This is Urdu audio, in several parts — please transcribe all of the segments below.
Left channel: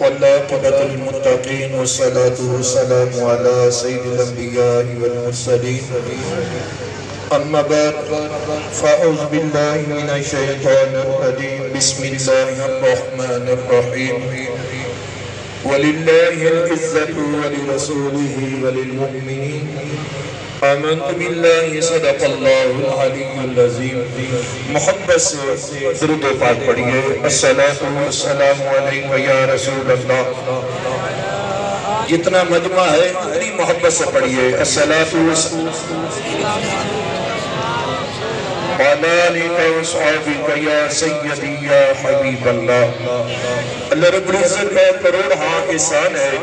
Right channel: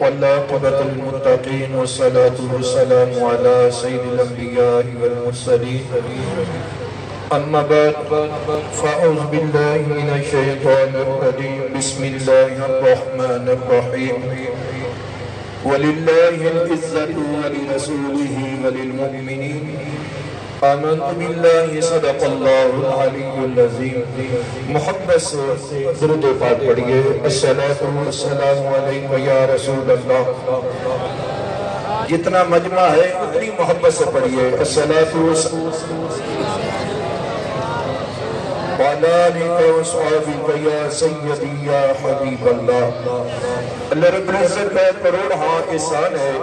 والعاقبة للمتقين والصلاة والسلام على سيد الأنبياء والمرسلين أما بعد فأعوذ بالله من الشيطان الرجيم بسم الله الرحمن الرحيم ولله العزة ولرسوله وللمؤمنين آمنت بالله صدق اللہ العلی العظیم. محبت سے درود و پاک پڑھیے. الصلاة والسلام علیکہ یا رسول اللہ. جتنا مجمع ہے اتنی محبت سے پڑھیے. الصلاة والسلام علیکہ وصحابہ یا سیدی یا حبیب اللہ. اللہ رب العزت کا کروڑ ہاں احسان ہے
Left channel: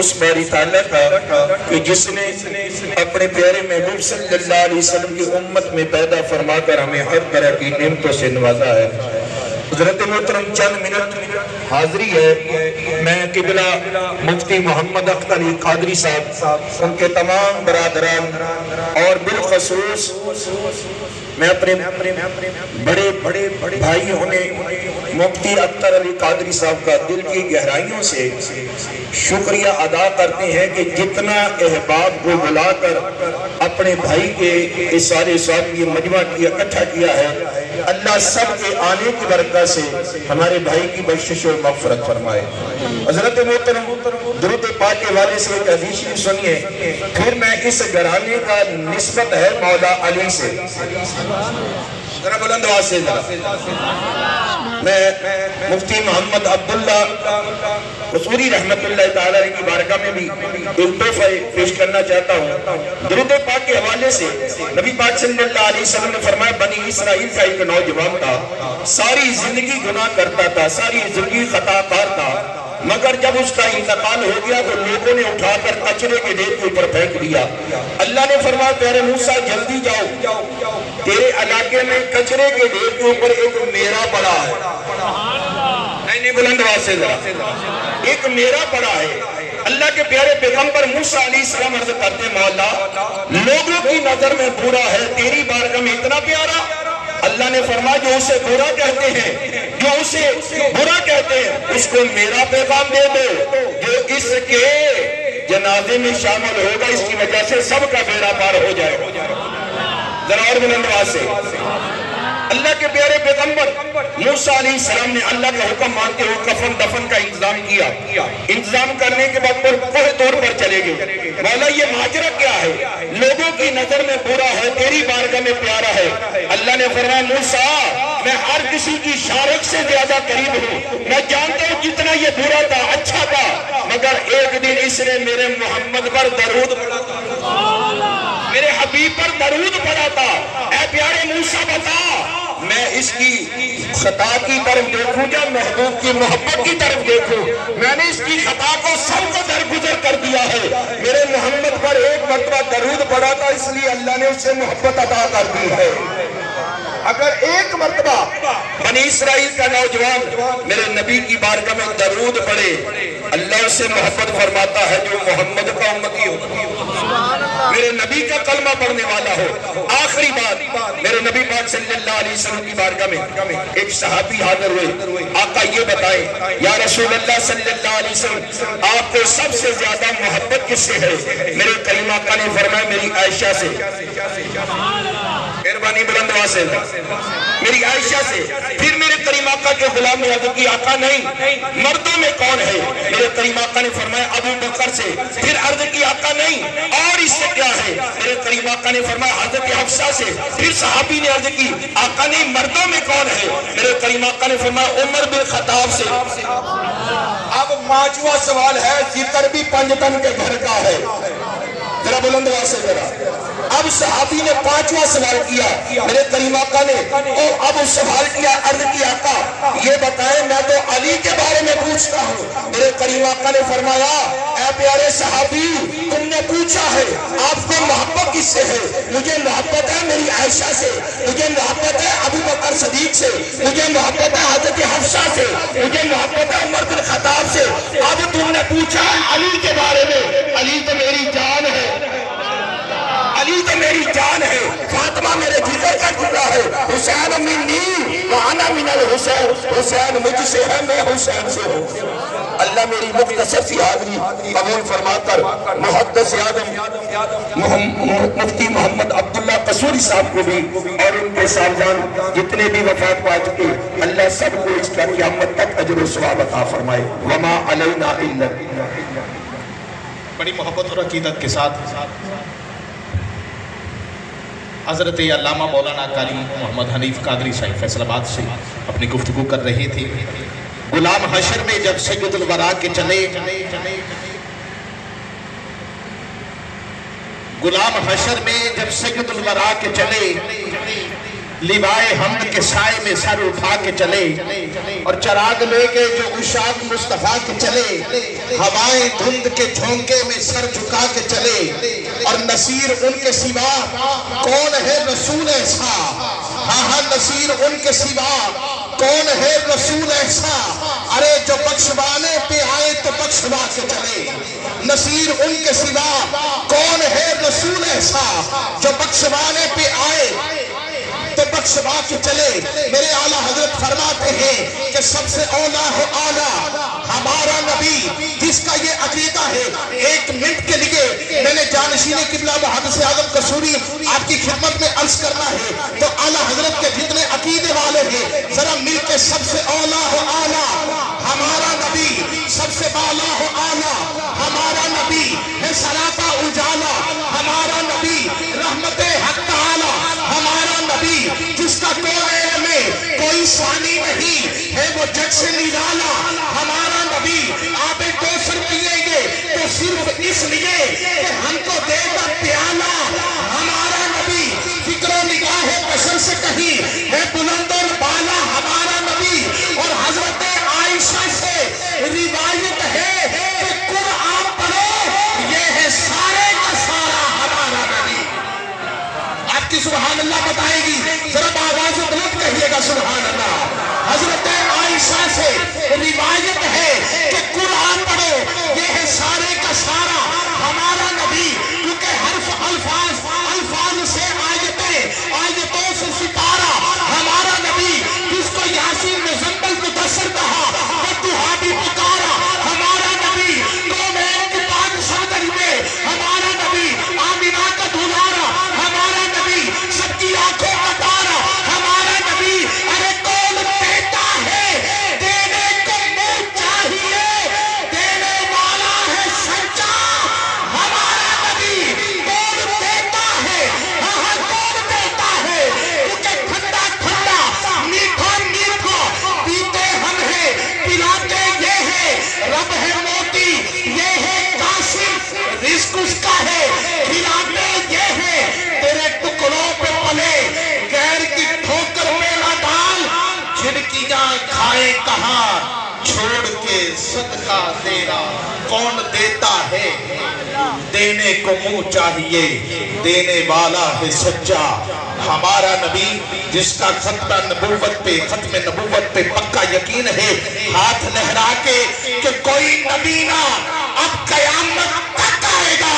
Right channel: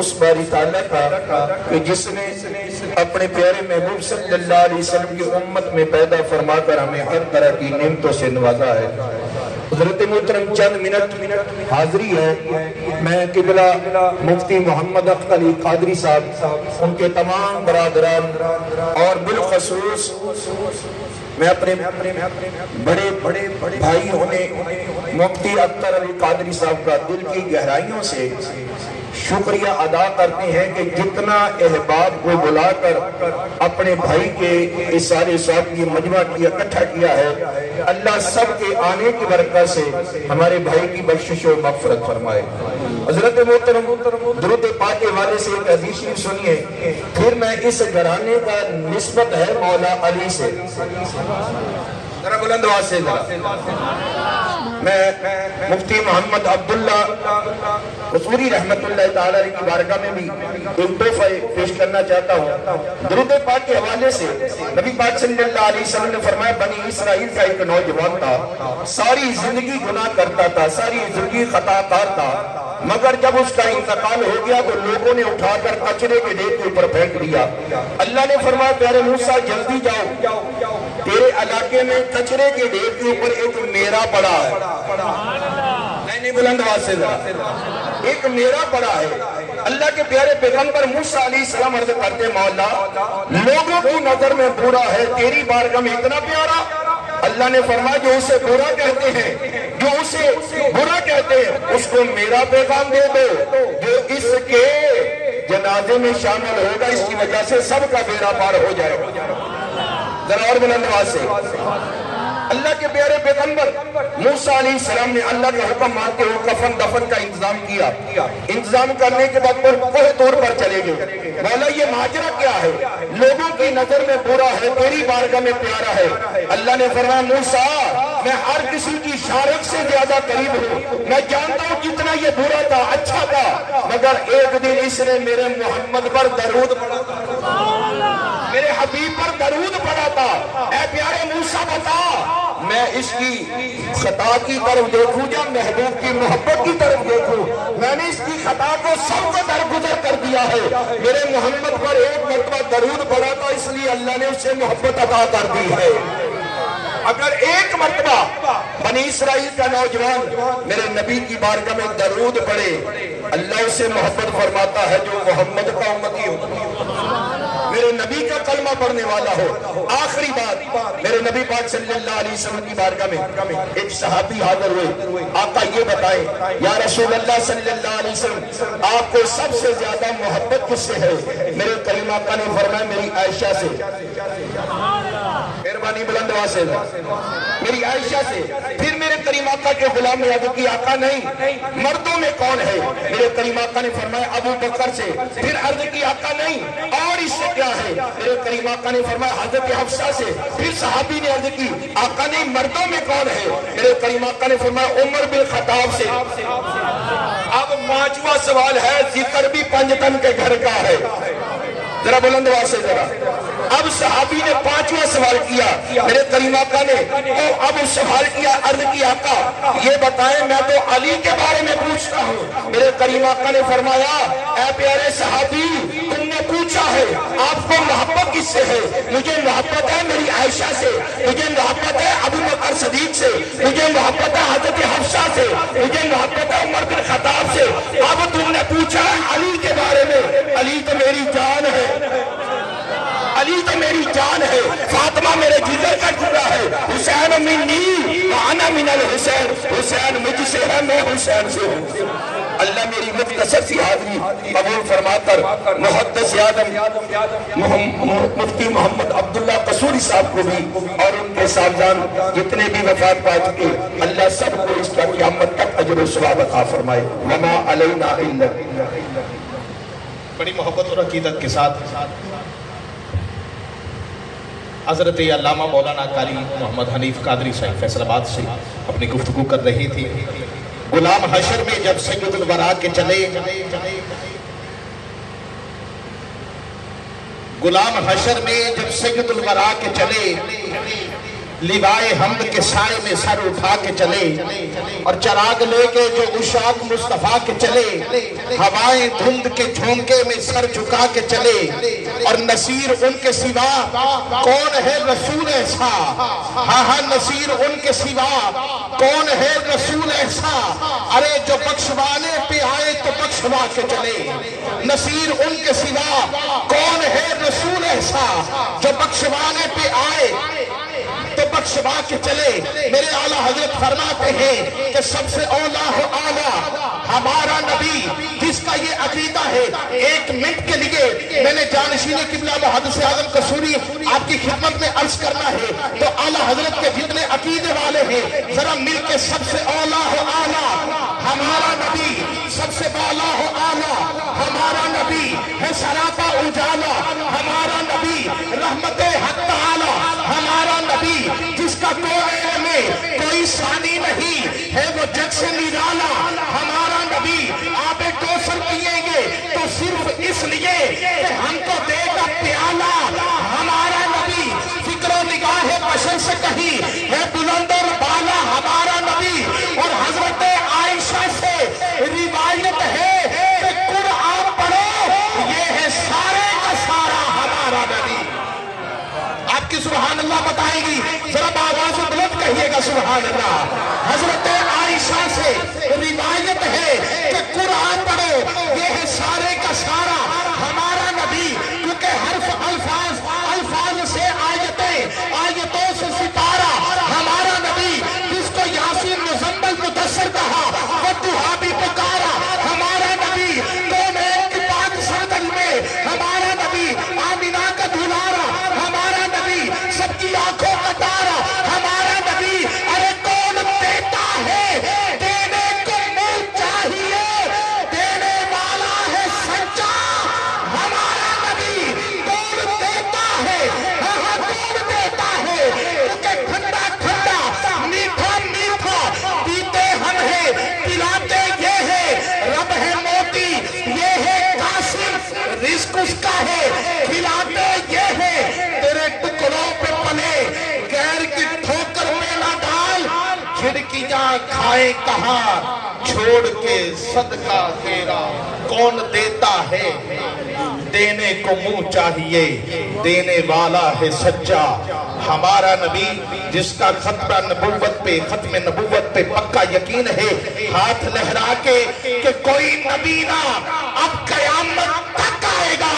اس باری تعالیٰ کا کہ جس نے اپنے پیارے محبوب صلی اللہ علیہ وسلم کی امت میں پیدا فرما کر ہمیں ہر طرح کی نعمتوں سے نوازا ہے. حضرت محترم چند منٹ حاضری ہے. میں قبلہ مفتی محمد اختر علی قادری صاحب ان کے تمام برادران اور بالخصوص میں اپنے بڑے بھائی ہونے مفتی اختر علی قادری صاحب کا دل کی گہرائیوں سے شکریہ ادا کرتے ہیں کہ جتنا احباب کو بلا کر اپنے بھائی کے اس سارے صاحب کی مجمع کی اکٹھا کیا ہے. اللہ سب کے آنے کی برکت سے ہمارے بھائی کی بخشش و مغفرت فرمائے. حضرت محترم درود پاک کے حوالے سے ایک حدیث شریف سنیے. پھر میں اس گھرانے کا نسبت ہے مولا علی سے. ذرا بلند آواز سے میں مفتی محمد عبداللہ قصوری رحمت اللہ تعالی علیہ کی بارگاہ میں بھی ایک تحفہ پیش کرنا چاہتا ہوں. درود پاک کے حوالے سے نبی پاک صلی اللہ علیہ وسلم نے فرمایا بنی اسرائیل کا ایک نوجوان تھا, ساری زندگی گناہ کرتا تھا, ساری زندگی خطا کار تھا, مگر جب اس کا انتقال ہو گیا تو لوگوں نے اٹھا کر کچرے کے ڈھیر کے اوپر پھینک دیا. اللہ نے فرمایا پیارے موسیٰ جلدی جاؤ, تیرے علاقے میں کچرے کے ڈھیر کے اوپر ایک میرا پڑا ہے. نہیں بلند آواز سے ذرا, ایک میرا پڑا ہے. اللہ کے پیارے پیغمبر موسیٰ علیہ السلام عرض کرتے مولا لوگوں کی نظر میں برا ہے, تیری بارگاہ میں اتنا پیارا. اللہ نے فرمایا جو اسے برا کہتے ہیں, جو اسے برا کہتے ہیں اس کو میرا پیغام دے دو, جو اس کے جنازے میں شامل ہوگا اس کی وجہ سے سب کا بیڑا پار ہو جائے. ذرا اور بلند آواز سے. اللہ کے پیارے پیغمبر موسیٰ علیہ السلام نے اللہ کا حکم مانتے ہوئے کفن دفن کا انتظام کیا. انتظام کرنے کے بعد کوہ طور پر چلے گئے. مولا یہ ماجرا کیا ہے, لوگوں کی نظر میں برا ہے, تیری بارگاہ میں پیارا ہے. اللہ نے فرمایا موسیٰ میں ہر کسی کی شارک سے زیادہ قریب ہوں, میں جانتا ہوں جتنا یہ برا تھا اچھا تھا, مگر ایک دن اس نے میرے محمد پر درود پڑھا تھا, میرے حبیب پر درود پڑھا تھا. اے پیارے موسیٰ بتا میں اس کی خطا کی طرف دیکھوں یا محبوب کی محبت کی طرف دیکھوں؟ میں نے اس کی خطا کو سب کو درگزر کر دیا ہے. میرے محمد پر ایک مرتبہ درود پڑھا تھا اس لیے اللہ نے اس سے محبت عطا کر دی ہے. اگر ایک مرتبہ بنی اسرائیل کا نوجوان میرے نبی کی بارگاہ میں درود پڑھے اللہ اس سے محبت فرماتا ہے جو محمد کا امتی ہو, میرے نبی کا کلمہ پڑھنے والا ہو. آخری بات میرے نبی پاک صلی اللہ علیہ وسلم کی بارگاہ میں ایک صحابی حاضر ہوئے. آقا یہ بتائیں یا رسول اللہ صلی اللہ علیہ وسلم آپ کو سب سے زیادہ محبت کس سے ہے؟ میرے کریم آقا نے فرمایا میری عائشہ سے. مہربانی بلند آواز سے میری عائشہ سے. پھر میرے کریم آقا کے غلام نے عرض کی آقا نہیں مردوں میں کون ہے؟ میرے کریم آقا نے فرمایا ابو بکر سے. پھر عرض کی آقا نہیں اور اس سے کیا ہے؟ میرے کریم آقا نے فرمایا حضرت حفصہ سے. پھر صحابی نے عرض کی آقا نہیں مردوں میں کون ہے؟ میرے کریم آقا نے فرمایا عمر بن خطاب سے. اب پانچواں سوال ہے, ذکر بھی پنجتن کے گھر کا ہے. ذرا بلند آواز سے ذرا. اب صحابی نے پانچواں سوال کیا. میرے کریم آقا نے اب سوال کیا, عرض کی آقا یہ بتائیں میں تو علی کے بارے میں پوچھتا ہوں. میرے کریم آقا نے فرمایا اے پیارے صحابی تم نے پوچھا ہے آپ کو محبت کس سے ہے؟ مجھے محبت ہے میری عائشہ سے, مجھے محبت ہے ابو بکر صدیق سے, مجھے محبت ہے حضرت حفصہ سے, مجھے محبت ہے عمر بن خطاب سے. اب تم نے پوچھا ہے علی کے بارے میں, علی تو میری جان ہے, علی تو میری جان ہے، فاطمہ میرے جگر کا ٹکڑا ہے، حسین منی وانا من الحسین، حسین مجھ سے ہے میں حسین سے ہوں۔ اللہ میری مختصر سی حاضری قبول فرما کر محدث اعظم مفتی محمد عبداللہ قصوری صاحب کو بھی اور ان کے صاحبان جتنے بھی وفات پا چکے، اللہ سب کو اس کا قیامت تک اجر و ثواب عطا فرمائے۔ وما علینا الا بڑی محبت اور عقیدت کے ساتھ حضرت علامہ مولانا قاری محمد حنیف قادری صاحب فیصل آباد سے اپنی گفتگو کر رہے تھے۔ غلام حشر میں جب سید الورا کے چلے، غلام حشر میں جب سید الورا کے چلے، لیوائے حمد کے سائے میں سر اٹھا کے چلے، اور چراغ لے کے جو عشاق مصطفیٰ کے چلے، ہوائیں دھند کے جھونکے میں سر جھکا کے چلے، اور نصیر ان کے سوا کون ہے رسول ایسا، ہاں ہاں نصیر ان کے سوا کون ہے رسول ایسا، ارے جو بخشوانے پہ آئے تو بخشوا کے چلے، نصیر ان کے سوا کون ہے رسول ایسا، جو بخشوانے پہ آئے تو بخشوا کے چلے۔ میرے اعلیٰ حضرت فرماتے ہیں کہ سب سے اولا ہے اعلیٰ ہمارا نبی، جس کا یہ عقیدہ ہے۔ ایک منٹ کے لیے میں نے جانشین قبلہ محدث اعظم قصوری آپ کی خدمت میں عرض کرنا ہے، تو اعلیٰ حضرت کے جتنے عقیدے والے ہیں ذرا مل کے سب سے اولا ہے اعلیٰ ہمارا نبی، سب سے بالا ہے اعلیٰ ہمارا نبی، ہے سراپا اجالا ہمارا نبی، رحمت حق تعالی ہمارا نبی، جس کا کوئے میں کوئی ثانی نہیں ہے، وہ جگ سے نرالا ہمارا نبی۔ آپ ایک کوثر پیئیں گے تو صرف اس لیے کہ ہم کو دے گا پیالہ ہمارا نبی، فکر و نگاہ بشر سے کہیں ہے بلند اور بالا ہمارا نبی۔ اور حضرت عائشہ سے روایت ہے کہ قرآن پڑھو یہ ہے سارے کا سارا ہمارا نبی۔ آپ کی سبحان اللہ بتائے گی، ذرا آواز بلند کہیے گا سبحان اللہ۔ حضرت عائشہ سے روایت ہے کہ قرآن پڑھو یہ ہے سارے کا سارا ہمارا نبی، کیونکہ حرف الفاظ سے آیتوں سے ستارہ ہمارا نبی، جس کو یاسین مزمل مدثر کہا، والضحیٰ بھی پکارا ہمارا نبی، کونین کی بادشاہی میں ہمارا نبی، آمینہ کا دلارا ہمارا نبی، سب کی آنکھوں کا تارا ہمارا نبی۔ ارے کون دیتا ہے دینے کو منہ چاہیے، دینے والا ہے سچا ہمارا نبی۔ کون دیتا ہے، ہاں کون دیتا ہے، کیونکہ ٹھنڈا ٹھنڈا میٹھا میٹھا پیتے ہم ہیں، پلاتے یہ ہے، رب ہے موتی یہ ہے قاسم، رزق اس کا ہے کھلاتے یہ ہے، تیرے ٹکڑوں پہ پلے غیر کی ٹھوکر میں نہ ڈال، جھڑکیاں کھائے کہاں چھوڑ کے صدقہ تیرا کون دیتا ہے، دینے کو منہ چاہیے، دینے والا ہے سچا ہمارا نبی، جس کا ختم نبوت پہ پکا یقین ہے، ہاتھ لہرا کے کہ کوئی نبی نہ اب قیامت تک آئے گا،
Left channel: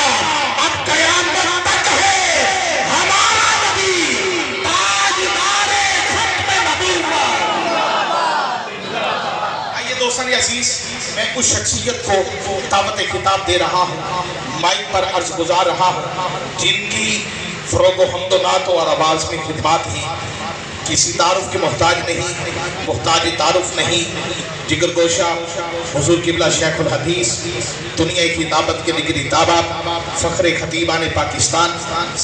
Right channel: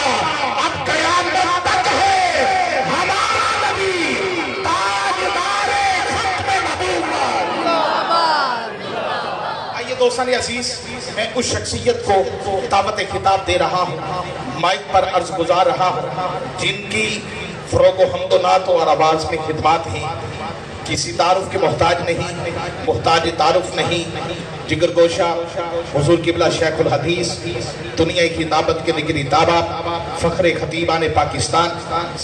اب قیامت تک ہے ہمارا نبی، تاجدار ختم نبوت۔ آئیے دوستان عزیز، میں اس شخصیت کو دعوت خطاب دے رہا ہوں، مائک پر عرض گزار رہا ہوں، جن کی فروغ و حمد و نعت اور آواز میں خدمات ہیں، کسی تعارف کے محتاج تعارف نہیں، جگر گوشہ حضور قبلہ شیخ الحدیث، دنیا کی دعوت کے نگری تابع، فخر خطیبان پاکستان،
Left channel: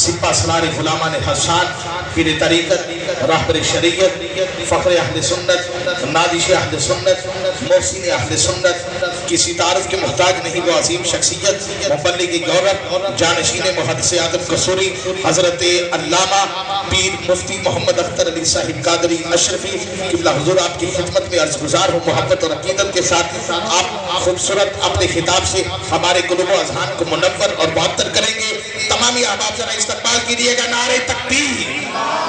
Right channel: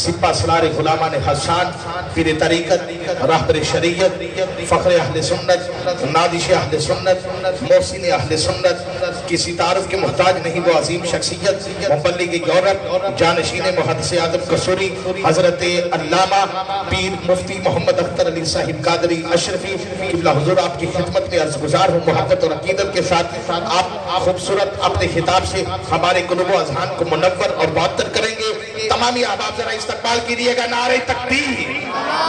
سپہ سالار غلامان حسان، پیر طریقت، راہبر شریعت، فخر اہل سنت، نادش اہل سنت، محسن اہل سنت، کسی تعارف کے محتاج نہیں، وہ عظیم شخصیت، مبلغ یورپ، جانشین محدث اعظم قصوری، حضرت علامہ پیر مفتی محمد اختر علی صاحب قادری اشرفی قبلہ حضور آپ کی خدمت میں عرض گزار ہوں، محبت اور عقیدت کے ساتھ آپ خوبصورت اپنے خطاب سے ہمارے قلوب و اذہان کو منور اور معطر کریں گے۔ تمامی احباب ذرا استقبال کیجیے گا، نعرہ تکبیر،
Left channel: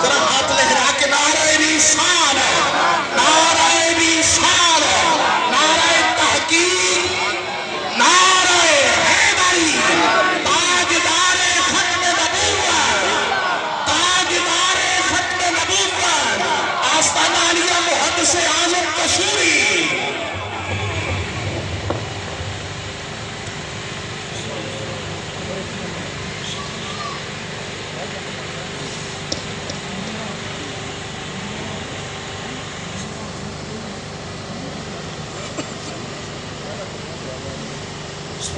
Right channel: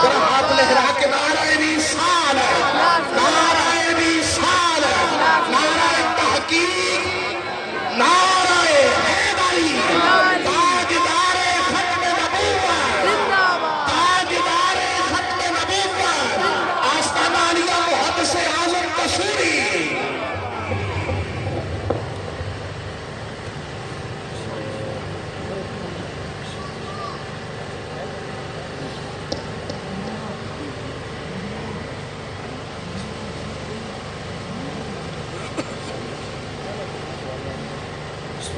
ذرا ہاتھ لہرا کے نعرہ رسالت، نعرہ رسالت، نعرہ تحقیق، نعرہ حیدری، تاجدار ختم نبوت۔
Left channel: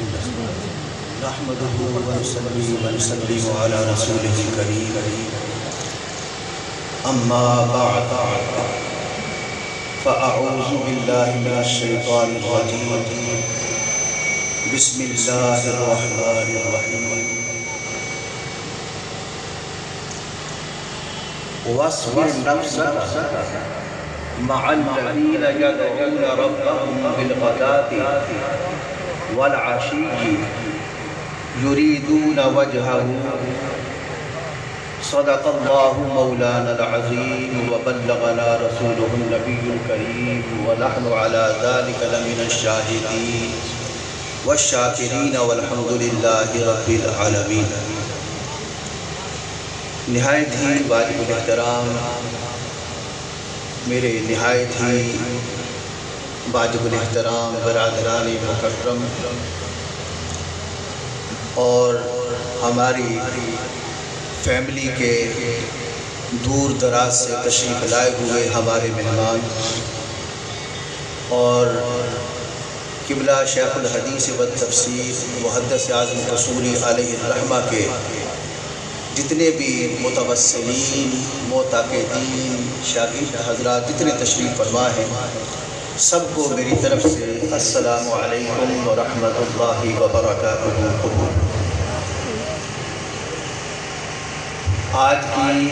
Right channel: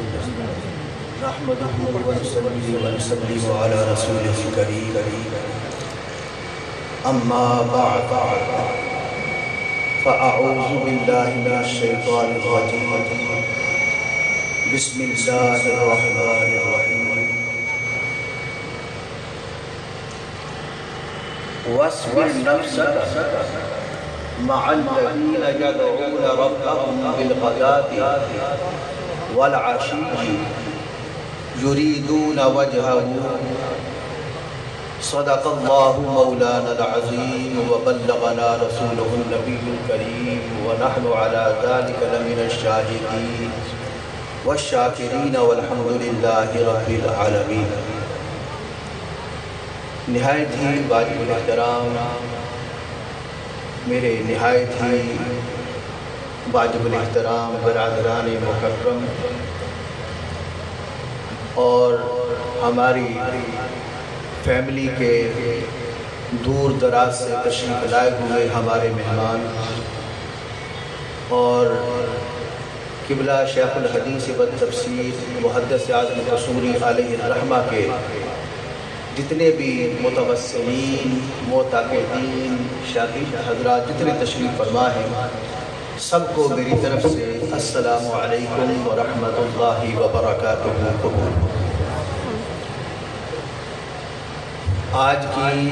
نحمده ونصلي ونسلم على رسوله الكريم أما بعد فأعوذ بالله من الشيطان الرجيم بسم الله الرحمن الرحيم واصبر نفسك مع الذين يدعون ربهم بالغداة والعشي يريدون وجهه صدق الله مولانا العظيم وبلغنا رسوله النبي الكريم ونحن على ذلك لمن الشاهدين والشاکرین والحمد للہ رب العالمین۔ نہایت ہی واجب الاحترام میرے نہایت ہی واجب الاحترام برادران مکرم اور ہماری فیملی کے دور دراز سے تشریف لائے ہوئے ہمارے مہمان اور قبلہ شیخ الحدیث والتفسیر محدث اعظم قصوری علیہ الرحمہ کے جتنے بھی متوسلین معتقدین شاگرد حضرات جتنے تشریف فرما ہیں سب کو میری طرف سے السلام علیکم ورحمۃ اللہ وبرکاتہ۔ آج کی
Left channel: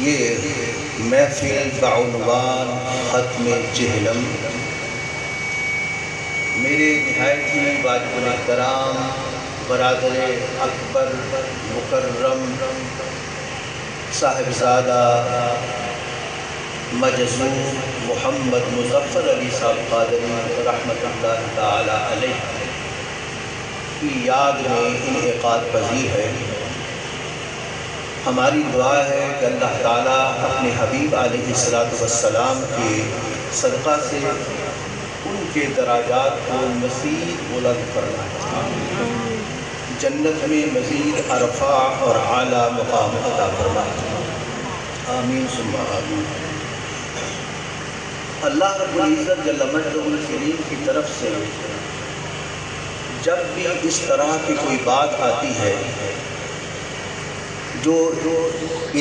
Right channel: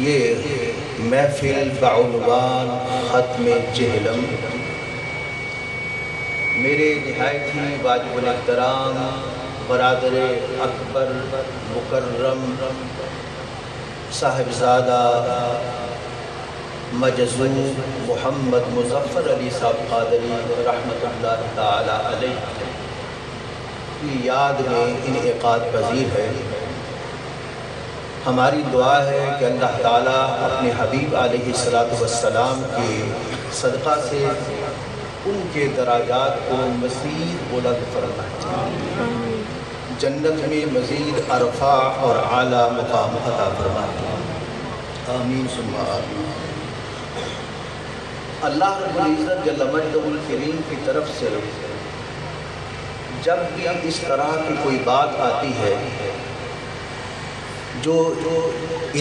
یہ محفل بعنوان ختم جہلم میرے نہایت ہی واجب الاحترام برادر اکبر مکرم صاحبزادہ مجذوب محمد مظفر علی صاحب قادری رحمۃ اللہ تعالی علیہ کی یاد میں انعقاد پذیر ہے۔ ہماری دعا ہے کہ اللہ تعالیٰ اپنے حبیب علیہ السلام کے صدقہ سے ان کے درجات کو مزید بلند فرمائے، جنت میں مزید ارفع اور اعلیٰ مقام عطا فرمائے، آمین ثم آمین۔ اللہ رب العزت جل مجدہ الکریم کی طرف سے جب بھی اس طرح کی کوئی بات آتی ہے جو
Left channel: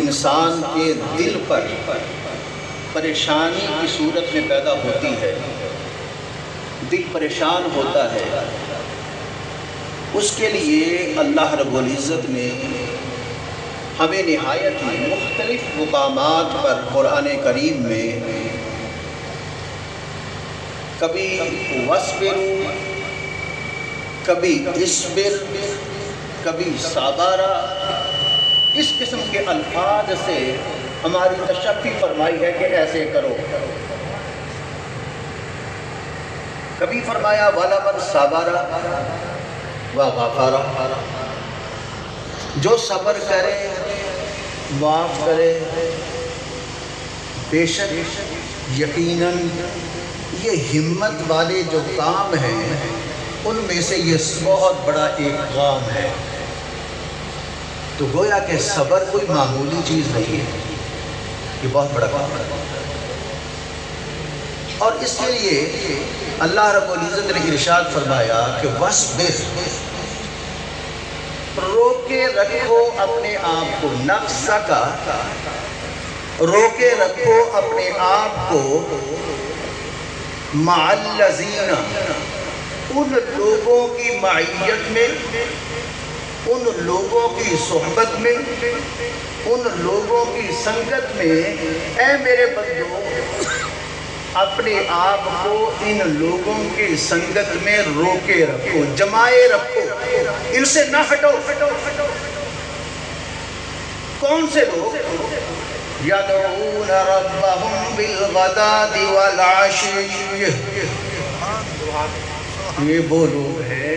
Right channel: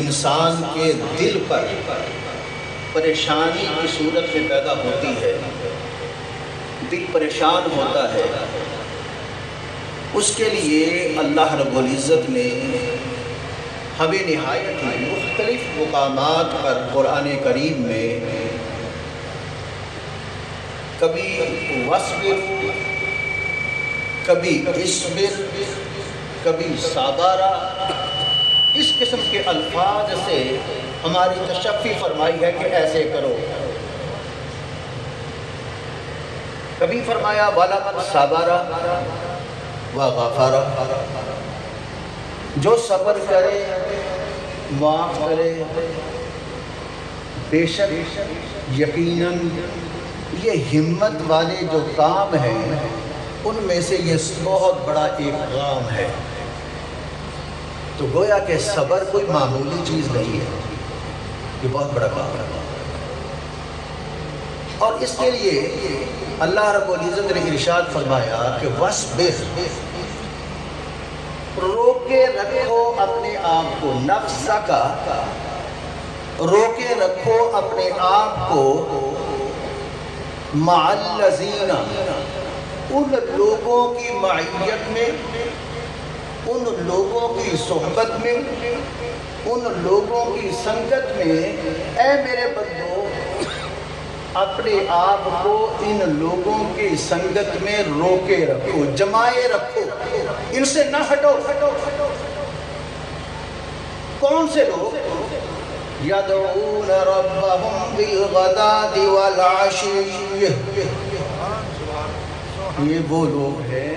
انسان کے دل پر پریشانی کی صورت میں پیدا ہوتی ہے، دل پریشان ہوتا ہے، اس کے لیے اللہ رب العزت نے ہمیں نہایت ہی مختلف مقامات پر قرآن کریم میں کبھی وصبر، کبھی اصبر، کبھی صابرا، اس قسم کے الفاظ سے ہماری تشفی فرمائی ہے کہ ایسے کرو۔ کبھی فرمایا وَلَمَنْ صَبَرَ وَغَفَرَ، جو صبر کرے معاف کرے، بے شک یقیناً یہ ہمت والے جو کام ہیں ان میں سے یہ بہت بڑا ایک کام ہے۔ تو گویا کہ صبر کوئی معمولی چیز نہیں ہے، یہ بہت بڑا کام ہے، اور اس کے لیے اللہ رب العزت نے ارشاد فرمایا کہ وَاصْبِرْ، روکے رکھو اپنے آپ کو، نفس کا روکے رکھو اپنے آپ کو، مع الذین، ان لوگوں کی معیت میں، ان لوگوں کی صحبت میں، ان لوگوں کی سنگت میں، اے میرے بندو اپنے آپ کو ان لوگوں کی سنگت میں روکے رکھو، جمائے رکھو، ان سے نہ ہٹو۔ کون سے لوگ؟ یدعون ربهم بالغداة والعشی، یہ وہ لوگ ہیں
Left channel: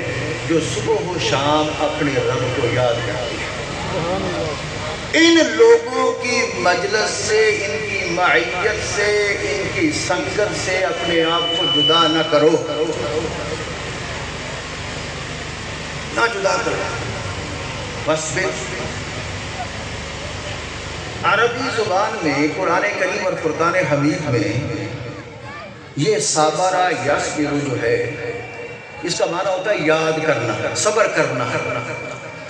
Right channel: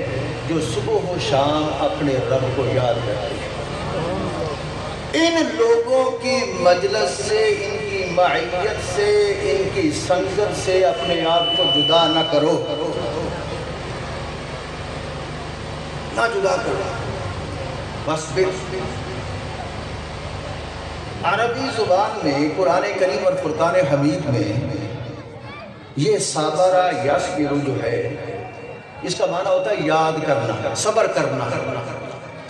جو صبح و شام اپنے رب کو یاد کرتے ہیں۔ ان لوگوں کی مجلس سے، ان کی معیت سے، ان کی سنگت سے اپنے آپ کو جدا نہ کرو، نہ جدا کرو۔ بس عربی زبان میں قرآن کریم اور فرقان حمید میں یہ صابرہ یصبر جو ہے اس کا معنی ہوتا ہے یاد کرنا، صبر کرنا.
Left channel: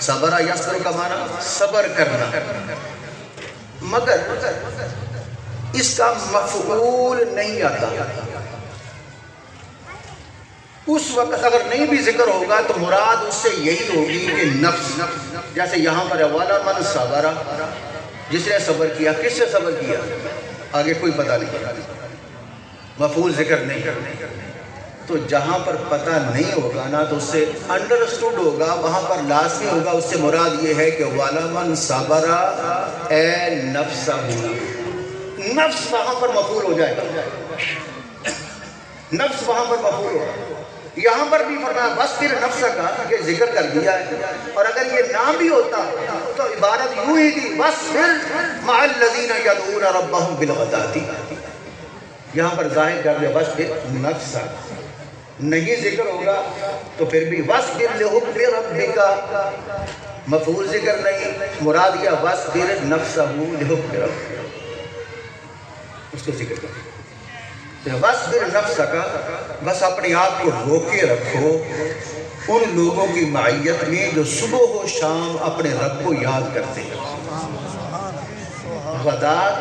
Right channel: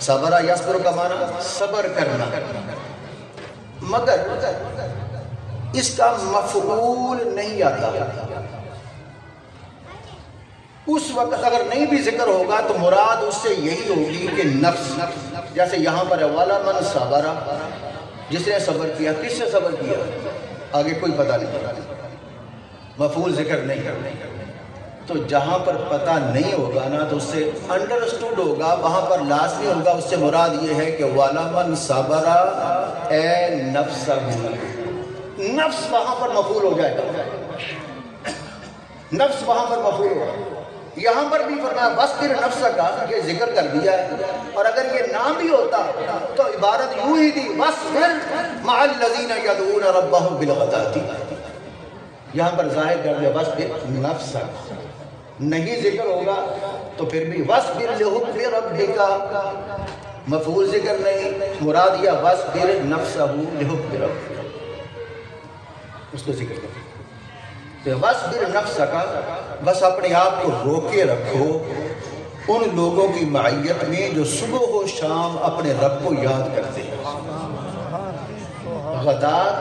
صبر یصبر کا معنی صبر کرنا. مگر اس کا مفعول نہیں آتا. اس وقت اگر نہیں بھی ذکر ہوگا تو مراد اس سے یہی ہوگی کہ نفس. جیسے یہاں پر والا من صبر، جس نے صبر کیا. کس سے صبر کیا؟ آگے کوئی پتہ نہیں، مفعول ذکر نہیں. تو جہاں پر پتہ نہیں ہوگا نا تو اس سے انڈرسٹوڈ ہوگا، وہاں پر لازمی ہوگا. اس سے مراد یہ ہے کہ والا من صبر اے نفس. نفس وہاں پر مفعول ہو جائے گا، نفس وہاں پر مفعول ہوگا. یہاں پر بھی فرمایا وَاصْبِرْ نَفْسَكَ کہ ذکر کر دیا ہے. اور اگر یہ نہ بھی ہوتا تو عبارت یوں ہی تھی وَاصْبِرْ مَعَ الَّذِينَ يَدْعُونَ رَبَّهُمْ بِالْغَدَاةِ. یہاں پر ظاہر کر دیا وَاصْبِرْ نَفْسَكَ. نہیں ذکر ہوگا تو پھر بھی وَاصْبِرْ لِحُکْمِ رَبِّكَ مفعول ذکر نہیں، مراد یہ وَاصْبِرْ نَفْسَهُ لِحُکْمِ رَبِّكَ. اس کو ذکر کریں وَاصْبِرْ نَفْسَكَ. بس اپنے آپ کو روکے رکھو ان لوگوں کی معیت میں جو صبح و شام اپنے رب کو یاد کرتے ہیں. غدات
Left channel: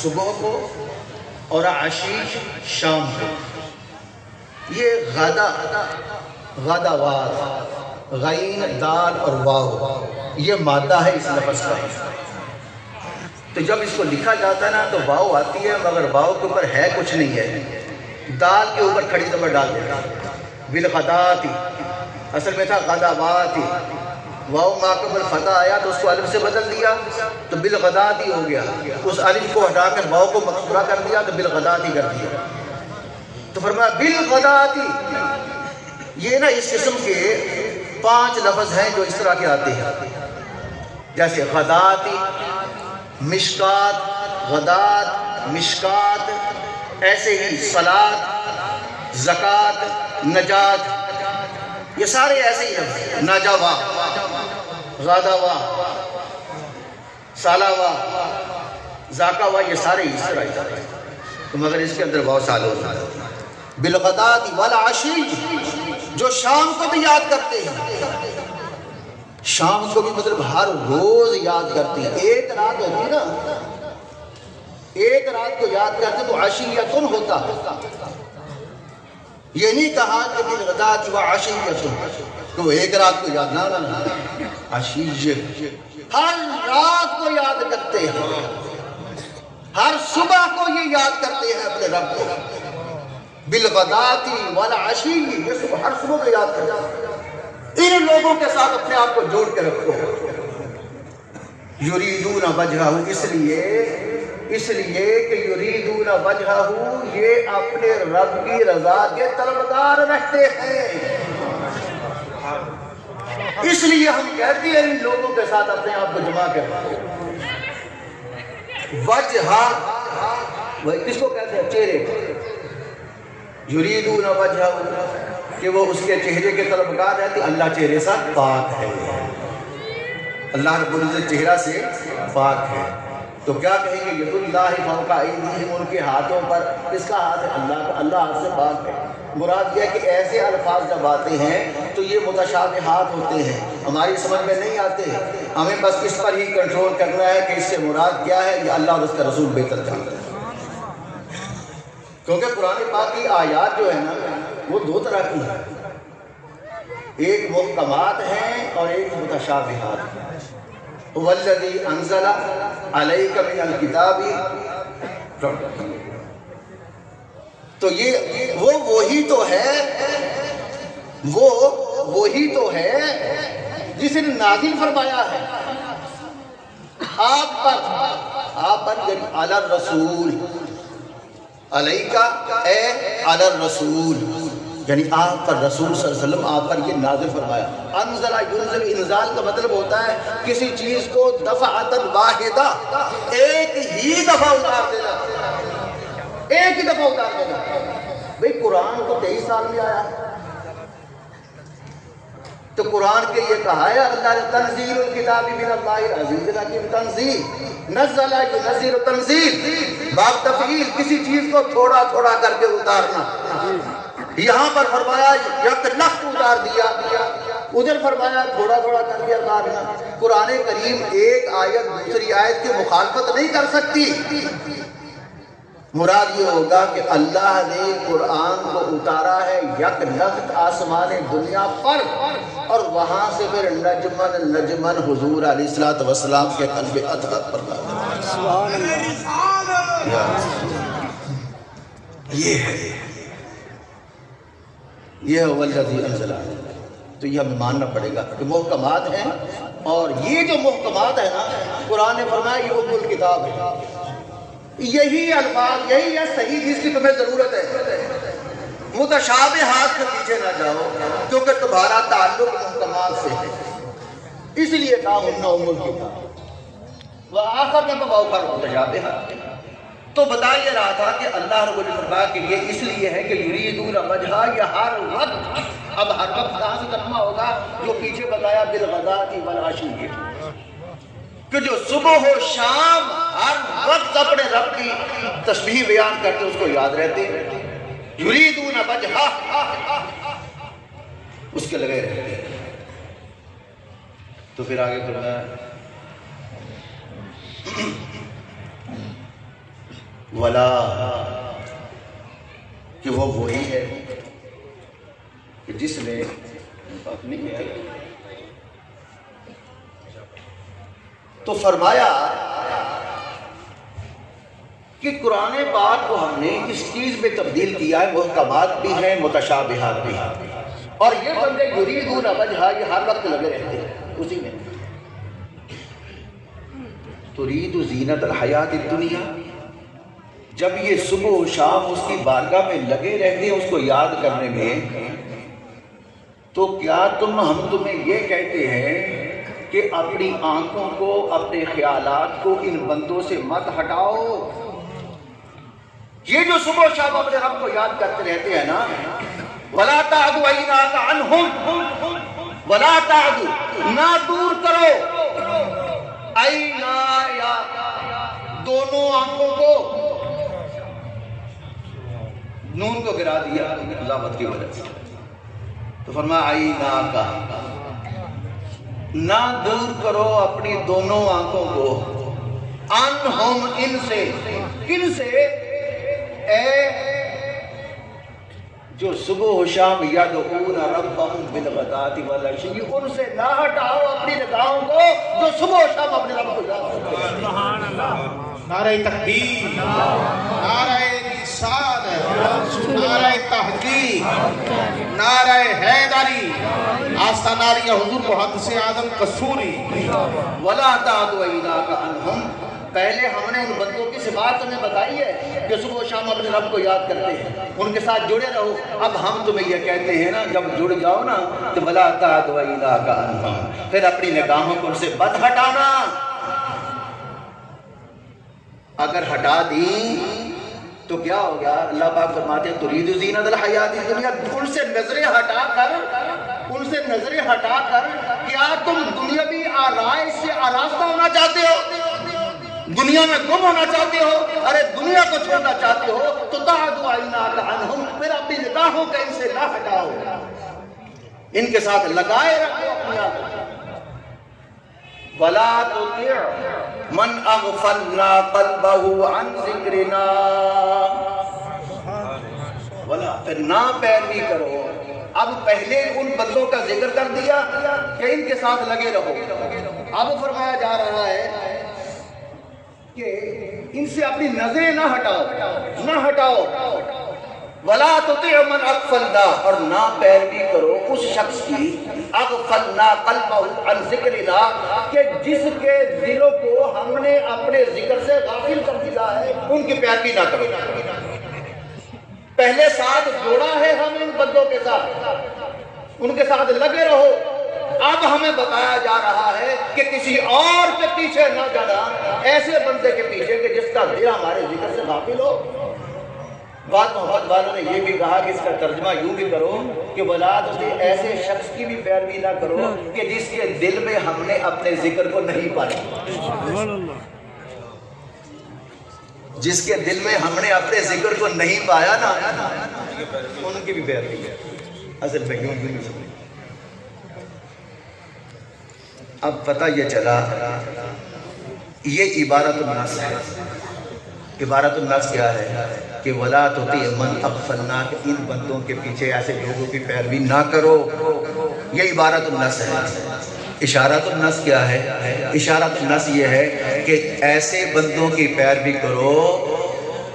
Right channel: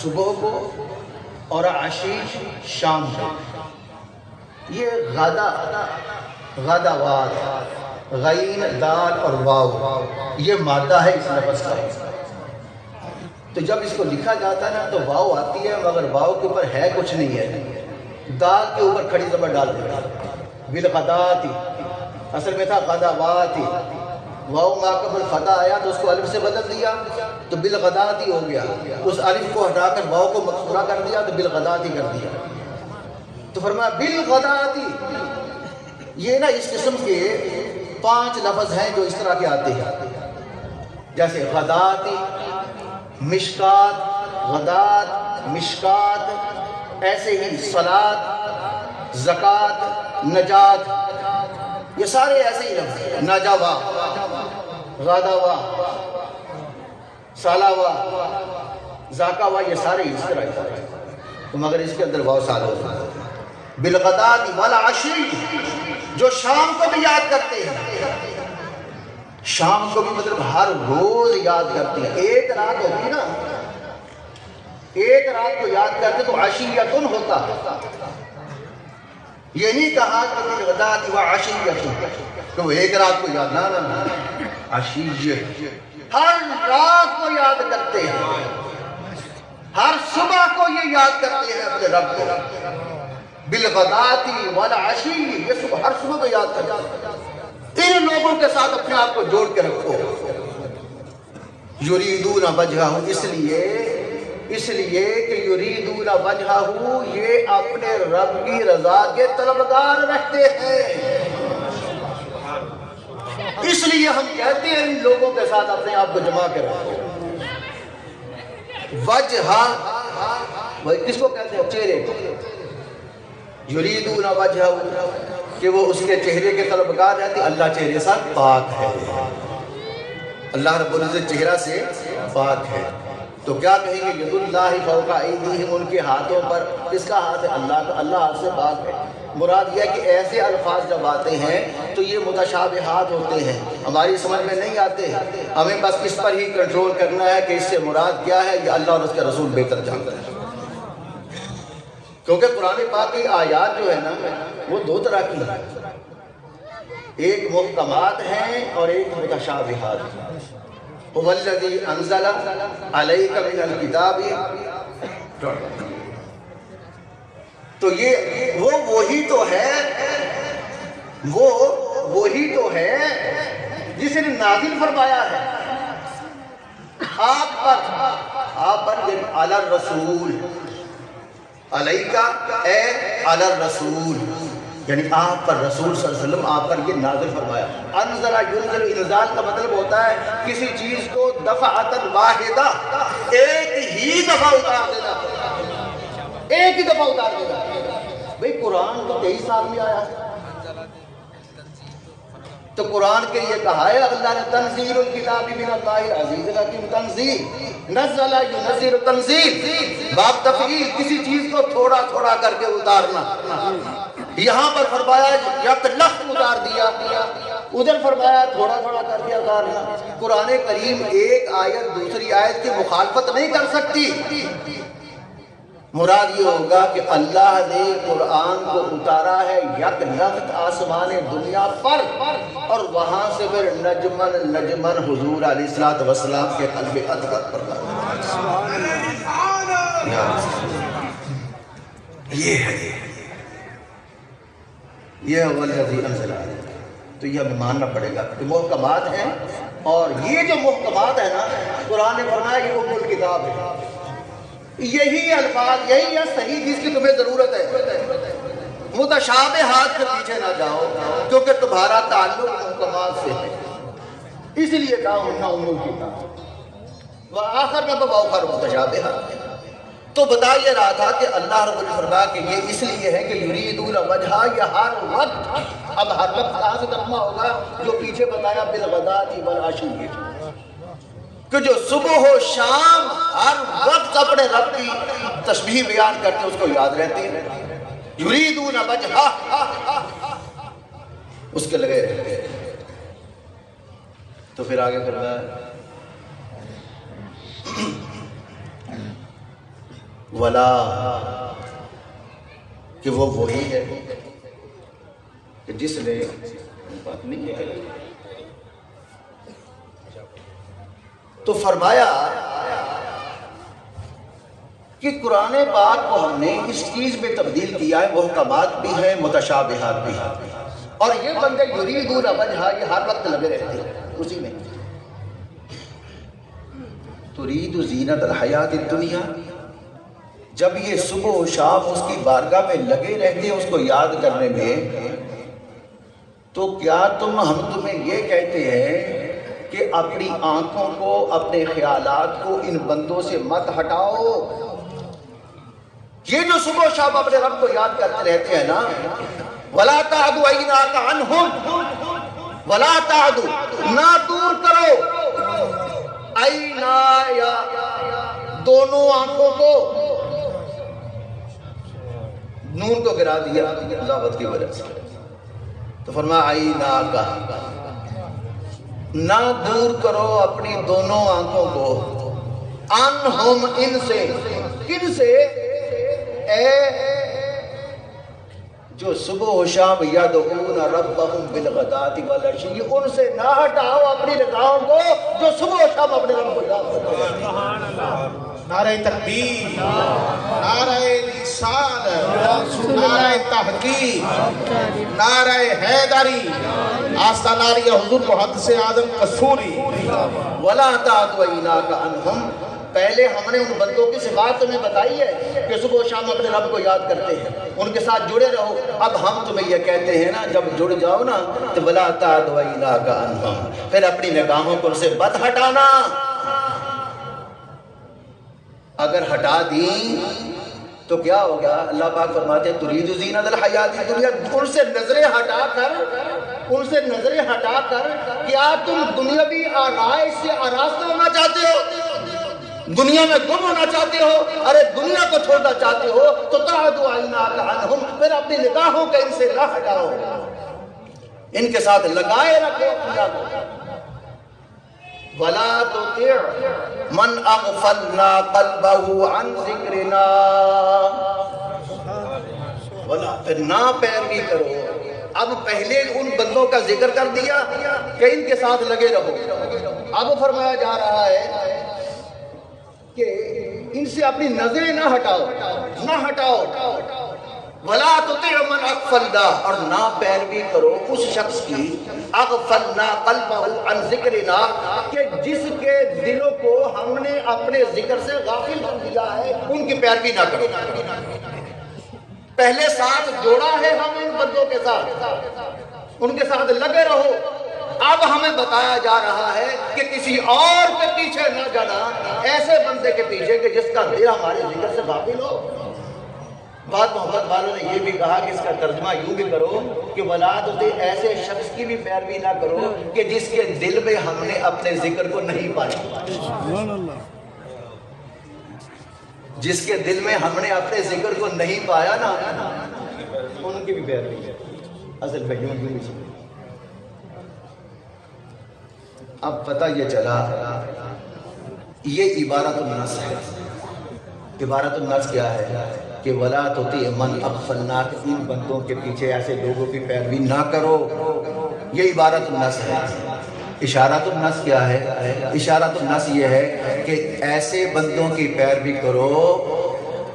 صبح کو اور عشی شام کو. یہ غدوات غین دال اور واو یہ مادہ ہے اس لفظ کا. تو جب اس کو لکھا جاتا ہے نا تو واو آتی ہے مگر واو کے اوپر ہے کچھ نہیں ہے. دال کے اوپر کھڑی زبر ڈال دیا. بالغداتی اصل میں تھا غدوات. واو ما قبل فتح آیا تو اس کو الف سے بدل دیا تو بالغداتی ہو گیا. اس الف کو ہٹا کر واو کو مکسورہ کر دیا تو بالغداتی کر دیا. تو فرمایا بالغداتی. یہ نا اس قسم کے 5 لفظ ہیں جو اس طرح کے آتے ہیں جیسے غداتی، مشکات، غدات، مشکات. ایسے ہی صلاۃ، زکات، نجات. یہ سارے ایسے ہی ہیں. نجوا، غدوا، سالوا، زاکوا یہ سارے اس طرح ہی. تو مگر اس کے اندر واو سال ہوتا ہے. بالغدات والعشی جو شام کو بھی یاد کرتے ہیں. شام کو بھی مطلب ہر روز یاد کرتے ہیں. ایک رات ہوتی نا، ایک رات کو یاد کرتے تو عشیتن ہوتا. یہ نہیں کہا کہ بالغدات وعشیتن کہ وہ ایک رات کو یاد، نہ عشیہ ہر رات کو یاد کرتے ہیں. ہر صبح کو یہ یاد کرتے ہیں اپنے رب کو. بالغدات والعشی یہ صبح ہر صبح کو یاد کرتے ہیں. ان لوگوں کے ساتھ اپنے آپ کو جوڑ کے رکھو. یریدون وجہہ اس لیے کہ یریدون وجہہ یہ اپنے رب کی رضا کے طلبگار رہتے ہیں. اس لیے ہم کہتے ہیں ان لوگوں کے ساتھ اپنے آپ کو جمع کر رکھو. وجہہ کس کو کہتے ہیں؟ چہرے. یریدون وجہہ کہ وہ اس کے چہرے کے طلبگار رہتے. اللہ چہرے سے پاک ہے. اللہ رب العزت چہرہ سے پاک ہے. تو کیا کہیں گے ید اللہ فوق ایدیہم ان کے ہاتھوں پر. کس کا ہاتھ ہے؟ اللہ کا. اللہ ہاتھ سے پاک ہے. مراد یہ ہے کہ ایسے الفاظ جب آتے ہیں تو یہ متشابہات ہوتے ہیں، ہماری سمجھ میں نہیں آتے. ہمیں بس اس پر ہی کنٹرول کرنا ہے کہ اس سے مراد کیا ہے. یہ اللہ اور اس کا رسول بہتر جانتا ہے. کیونکہ قرآن پاک کی آیات جو ہے نا وہ 2 طرح کی ہیں. ایک محکمات ہیں اور ایک متشابہات ہیں. وَالَّذِي أَنزَلَ عَلَيْكَ مِنَ الْكِتَابِ. تو یہ وہی تو ہے جس نے نازل فرمایا ہے آپ پر علی الرسول. علیکہ اے علی الرسول یعنی آپ پر رسول صلی اللہ علیہ وسلم آپ پر یہ نازل فرمایا. انزل ینزل انزال کا مطلب ہوتا ہے کسی چیز کو دفعۃ واحدہ ایک ہی دفعہ اتار دینا. ایک ہی دفعہ اتار دینا. بھئی قرآن تو 23 سال میں آیا تو قرآن کے لیے کہا ہے اللہ نے تنزیل الکتاب من اللہ العزیز الحکیم. تنزیل نزل ینزل تنزیل باب تفعیل کسی چیز کو تھوڑا تھوڑا کر کے اتارنا. یہاں پر فرمایا یک لخت اتار دیا، ادھر فرمایا تھوڑا تھوڑا کر کے اتارنا۔ قرآن کریم ایک آیت دوسری آیت کی مخالفت نہیں کر سکتی۔ مراد یہ ہوگا کہ اللہ نے قرآن کو اتارا ہے یک لخت آسمان دنیا پر، اور وہاں سے پھر نجمن نجمن حضور علیہ الصلوۃ والسلام کے قلب اطہر پر یہ ہے، یہ ہے والذی انزل۔ تو یہ ہمیں ماننا پڑے گا کہ محکمات ہیں، اور یہ جو محکمات ہیں نا، قرآن نے فرمایا یہ ام الکتاب ہے، یہی الفاظ یہی ہے صحیح جس کی تمہیں ضرورت ہے۔ متشابہات کے پیچھے نہ جاؤ کیونکہ تمہارا تعلق محکمات سے ہے، اس لیے کہا ام الکتاب وآخر میں بآخر متشابہات۔ تو بتا یہ رہا تھا کہ اللہ رب العزت فرمایا کہ یہ اس لیے ہے کہ یریدون وجہا، یہ ہر وقت، اب ہر وقت کہاں سے ترجمہ ہوگا؟ جو پیچھے بتایا بالغداۃ والعشی، کہ جو صبح و شام ہر وقت اپنے رب کی تسبیح بیان کرتے اس کو یاد رہتے ہیں، یریدون وجہا، اس کے لگے رہتے ہیں۔ تو پھر آگے فرمایا ولا، کہ وہ وہی ہے کہ جس نے بات نہیں ہے۔ تو فرمایا کہ قرآن پاک کو ہم نے اس چیز میں تبدیل کیا ہے، محکمات بھی ہیں متشابہات بھی ہیں، اور یہ بندے یریدون وجہا یہ ہر وقت لگے رہتے ہیں اسی میں۔ ترید زینت الحیات الدنیا، جب یہ صبح و شام اس کی بارگاہ میں لگے رہتے ہیں اس کو یاد کرنے میں، تو کیا ہم تمہیں یہ کہتے ہیں کہ اپنی آنکھوں کو، اپنے خیالات کو ان بندوں سے مت ہٹاؤ؟ یہ جو صبح و شام اپنے رب کو یاد کرتے رہتے ہیں نا، وَلَا تَعْدُ عَيْنَاكَ عَنْهُمْ، وَلَا تَعْدُ، نہ دور کرو، عَيْنَا، یا دونوں آنکھوں کو، نون کو گرا دیا ضابط کی وجہ سے، تو فرمایا عَيْنَاكَ، نہ دور کرو اپنی دونوں آنکھوں کو، عنہم، ان سے، کن سے؟ اے جو صبح و شام یدعون ربہم بالغداۃ والعشی، ان سے نہ ہٹاؤ اپنی نگاہوں کو جو صبح و شام اپنے رب کو یاد کرتے ہیں۔ نعرہ تکبیر، نعرہ رسالت، نعرہ تحقیق، نعرہ حیدری، آستانہ عالیہ حضور محدث اعظم قصوری۔ وَلَا تَعْدُ عَيْنَاكَ عَنْهُمْ، پہلے ہم نے ان بندوں کی صفات تمہیں بتائی ہے کہ صبح و شام اپنے رب کو یاد کرتے ہیں، ان کے ساتھ جڑے رہو۔ اب ہم تمہیں یہ کہتے ہیں نا جب جڑ جاؤ نا تو وَلَا تَعْدُ عَيْنَاكَ عَنْهُمْ، پھر اپنی نگاہوں کو ان سے مت ہٹانا۔ اگر ہٹا دی تو کیا ہوگا؟ اللہ پاک فرماتے ہیں ترید زینت الحیات الدنیا، ان سے نظریں ہٹا کر کیا تم دنیاوی آرائش سے آراستہ ہونا چاہتے ہو؟ دنیا میں گم ہونا چاہتے ہو؟ ارے دنیا کو چھوڑنا چاہتے ہو تو تعدو عیناک عنہم، پھر اپنی نگاہوں کو ان سے نہ ہٹاؤ، ان کے ساتھ لگائے رکھو اپنی آنکھوں۔ وَلَا تُطِعْ مَنْ أَغْفَلْنَا قَلْبَهُ عَنْ ذِكْرِنَا، پھر نہ پیروی کرو۔ اب پہلے ان بندوں کا ذکر کر دیا کہ ان کے ساتھ لگے رہو، اب فرمایا جا رہا ہے کہ ان سے اپنی نظریں نہ ہٹاؤ۔ وَلَا تُطِعْ مَنْ أَغْفَلْنَا، اور نہ پیروی کرو اس شخص کی، اغفلنا قلبہ عن ذکرنا، کہ جس کے دلوں کو ہم نے اپنے ذکر سے غافل کر دیا ہے، ان کی پیروی نہ کرو۔ پہلے ساتھ جوڑا ہے ہم ان بندوں کے ساتھ، ان کے ساتھ لگے رہو۔ اب ہمیں بتایا جا رہا ہے کہ کسی اور کے پیچھے نہ جانا، ایسے بندے کے پیچھے کہ جس کا دل ہمارے ذکر سے غافل ہو۔ بات محمد والوں نے یہ بھی کہا کہ اس کا ترجمہ یوں بھی کرو کہ ولاد سے ایسے شخص کی بھی پیروی نہ کرو کہ جس کے دل میں ہم نے اپنے ذکر کو نہیں پایا، جس کے دل میں ہم نے اپنے ذکر کو نہیں پایا نا ان کی بھی پیروی ہے اصل میں کیوں نہیں سمجھ۔ اب پتہ یہ چلا یہ عبارت الناس ہے۔ عبارت الناس کیا ہے کہ وَلَا تُطِعْ مَنْ أَغْفَلْنَا، کہ ان بندوں کے پیچھے ایسے لوگوں کی پیروی نہ کرو، یہ عبارت الناس ہے۔ اشارت الناس کیا ہے؟ اشارت الناس یہ ہے کہ ایسے بندوں کی پیروی کرو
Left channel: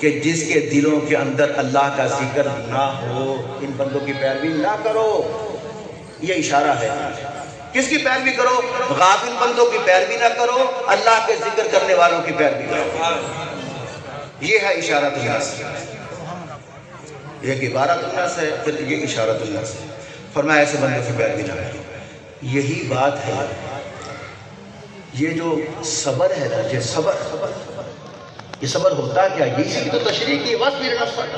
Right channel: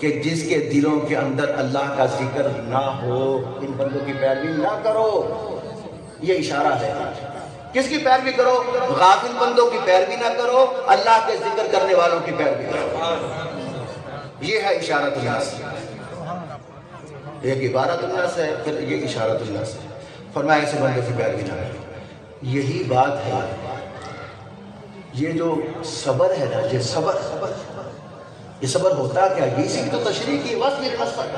کہ جس کے دلوں کے اندر اللہ کا ذکر نہ ہو، ان بندوں کی پیروی نہ کرو، یہ اشارہ ہے۔ کس کی پیروی کرو؟ غافل بندوں کی پیروی نہ کرو، اللہ کے ذکر کرنے والوں کی پیروی کرو، یہ ہے اشارت الناس۔ ایک عبارت الناس ہے، پھر یہ اشارت الناس ہے۔ فرمایا ایسے بندوں کی پیروی نہ کرو۔ یہی بات ہے، یہ جو صبر ہے نا، یہ صبر ہوتا کیا؟ یہ اسی کی تو تشریح کی، وَاصْبِرْ نَفْسَكَ،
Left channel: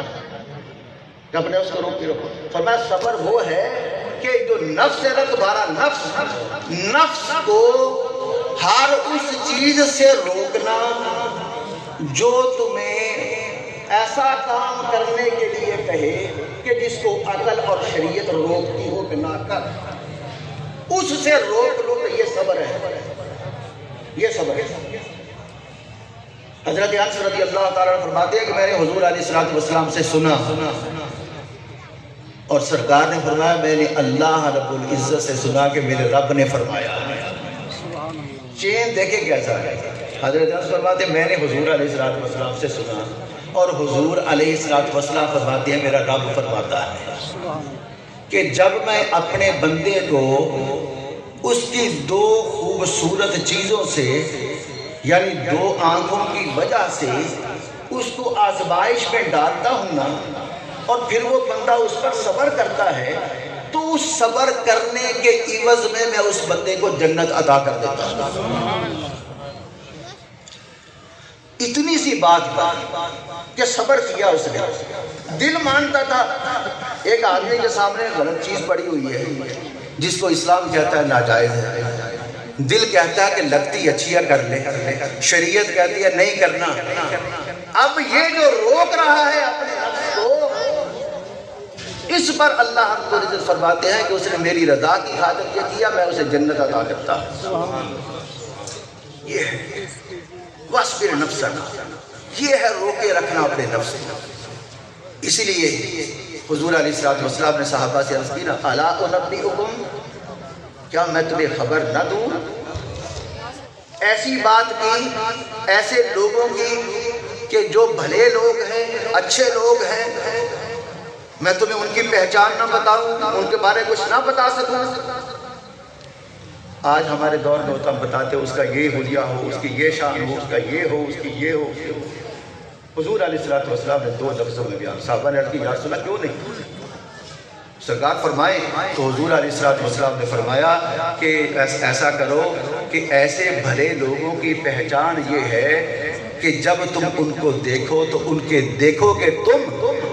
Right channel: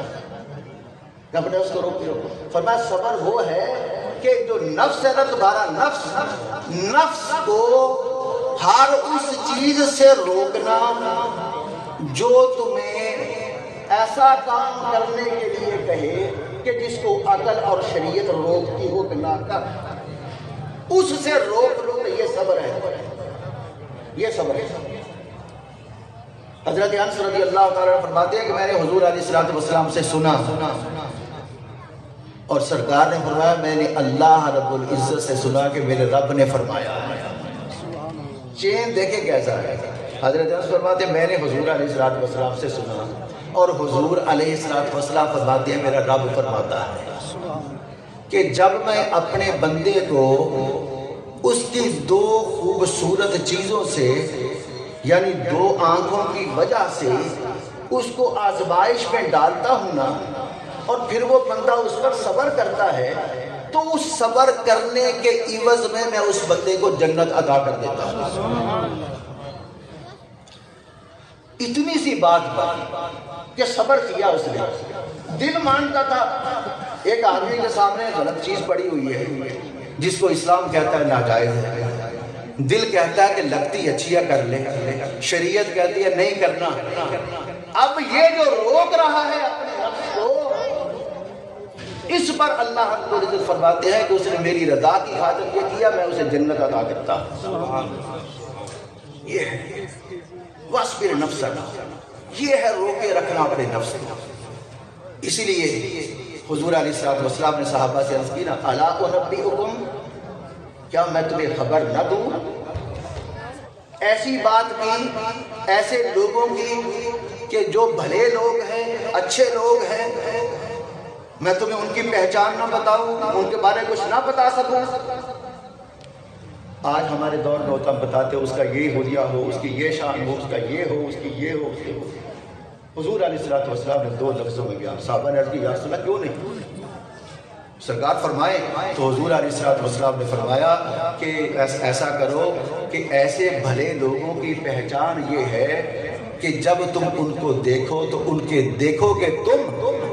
کہ اپنے اس کو روک کے رکھو۔ فرمایا صبر وہ ہے کہ جو نفس ہے نا تمہارا، نفس کو ہر اس چیز سے روکنا جو تمہیں ایسا کام کرنے کے لیے کہے کہ جس کو عقل اور شریعت روکتی ہو کہ نہ کر، اس سے روک لو، تو یہ صبر ہے، یہ صبر ہے۔ حضرت انس رضی اللہ تعالیٰ عنہ فرماتے ہیں کہ میں نے حضور علیہ السلام سے سنا اور سرکار نے فرمایا میں نے اللہ رب العزت سے سنا کہ میرے رب نے فرمایا۔ چین دیکھیں کیسا ہے۔ حضرت انس فرماتے ہیں میں نے حضور علیہ السلام سے سنا اور حضور علیہ السلام فرماتے ہیں میرا رب فرماتا ہے کہ جب میں اپنے بندے کو اس کی دو خوبصورت چیزوں سے یعنی دو آنکھوں کی وجہ سے اس کو آزمائش میں ڈالتا ہوں نا، اور پھر وہ بندہ اس پر صبر کرتا ہے، تو اس صبر کرنے کے عوض میں اس بندے کو جنت عطا کر دیتا ہوں۔ اتنی سی بات کہ صبر کیا اس نے، دل مانتا تھا۔ ایک آدمی کے سامنے غلط چیز پڑی ہوئی ہے جس کو اسلام کہتا ہے ناجائز ہے، دل کہتا ہے کہ لگتی اچھی ہے کر لے، شریعت کہتی ہے نہیں کرنا۔ اب یہ جو روک رہا ہے اپنے نفس کو، اس پر اللہ رب العزت فرماتے ہیں کہ اس نے میری رضا کی خاطر یہ کیا، میں اسے جنت عطا کرتا ہوں۔ یہ ہے وَاصْبِرْ نَفْسَكَ، یہ ہے روکے رکھنا اپنے نفس کو۔ اسی لیے حضور علیہ السلام نے صحابہ سے عرض کی نا، اَلَا أُنَبِّئُكُمْ، کیا میں تمہیں خبر نہ دوں؟ ایسی بات کی ایسے لوگوں کی کہ جو بھلے لوگ ہیں، اچھے لوگ ہیں، میں تمہیں ان کی پہچان نہ بتاؤں، ان کے بارے کچھ نہ بتا سکوں؟ آج ہمارے دور میں ہوتا ہم بتاتے اس کا یہ حلیہ ہو، اس کی یہ شان ہو، اس کا یہ ہو، اس کی یہ ہو۔ حضور علیہ السلام نے دو لفظوں میں بیان، صحابہ نے عرض کی یا رسول اللہ کیوں نہیں؟ سرکار فرمائے تو حضور علیہ السلام نے فرمایا کہ ایسا کرو کہ ایسے بھلے لوگوں کی پہچان یہ ہے کہ جب تم ان کو دیکھو تو ان کے دیکھو کہ تم،